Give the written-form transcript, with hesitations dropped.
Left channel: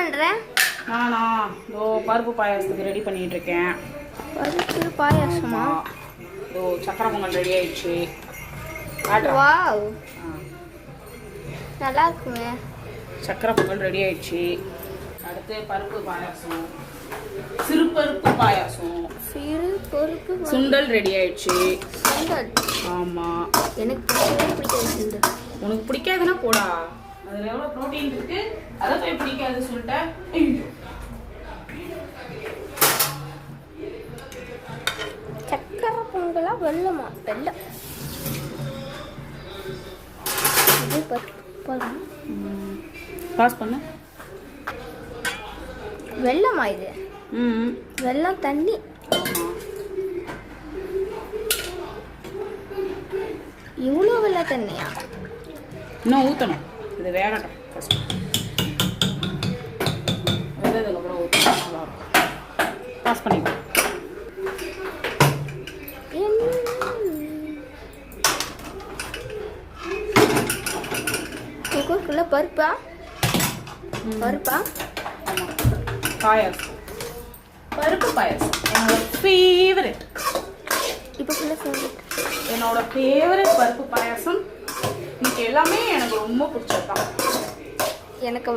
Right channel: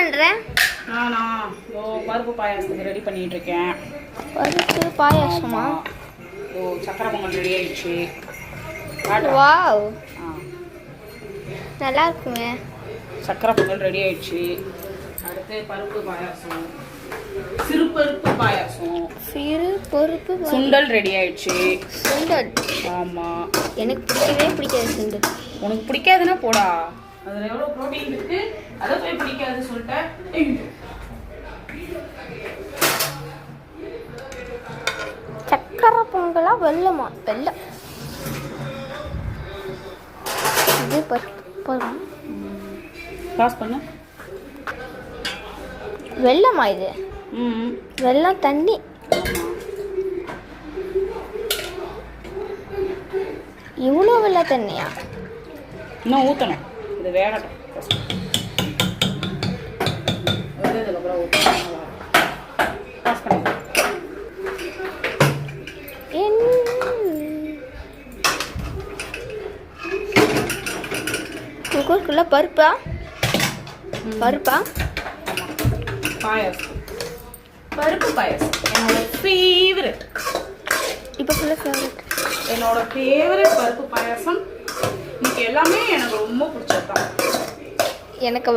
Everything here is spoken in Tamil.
பண்ற? நானா பருப்பு பாயாசத்துக்கு ரெடி பண்ணிட்டு இருக்கேன். பருப்பு பாயாசமா? சக்கரை பொங்கல் ரெடி ஆயிடுச்சு. வாவ், நல்லா இருக்குமே. சக்கரை பொங்கல் ரெடி ஆயிடுச்சு. அடுத்து பருப்பு பாயாசம், சிறு பருப்பு பாயாசம், சுண்டல் ரெடி ஆயிடுச்சு. சுண்டல்? ஆமா, எனக்கு பிடிக்கவே பிடிக்காது சுண்டல். உனக்கு பிடிக்காதுன்னா போடா, அதுல எவ்வளவு புரோட்டீன் இருக்கு, அதை போய் பிடிக்காது சொல்லிட்டேன். சக்கரை பொங்கலா வெள்ளமா? வெள்ளம். இது பருப்பு பாஸ் பண்ண. வெள்ளமா இது? வெள்ளம் தண்ணி. இவ்வளோ வெள்ள தண்ணியா? இன்னும் ஊற்றணும், இது வேகட்டும். வெள்ளதுக்கப்புறம் ஊற்றணும். பாஸ் பண்ணிடுறேன். குக்கருக்குள்ள பருப்பா? பருப்பா? பாயாசம், பருப்பு பாயாசம் என்னோட ஃபேவரட். இப்போ ஃபுல்லாக ஃபேவரட். என்னோட ஃபேவரட் பருப்பு பாயாசம். இன்னைக்கு எல்லாமே எனக்கு ரொம்ப பிடிச்சதுதான். எனக்கு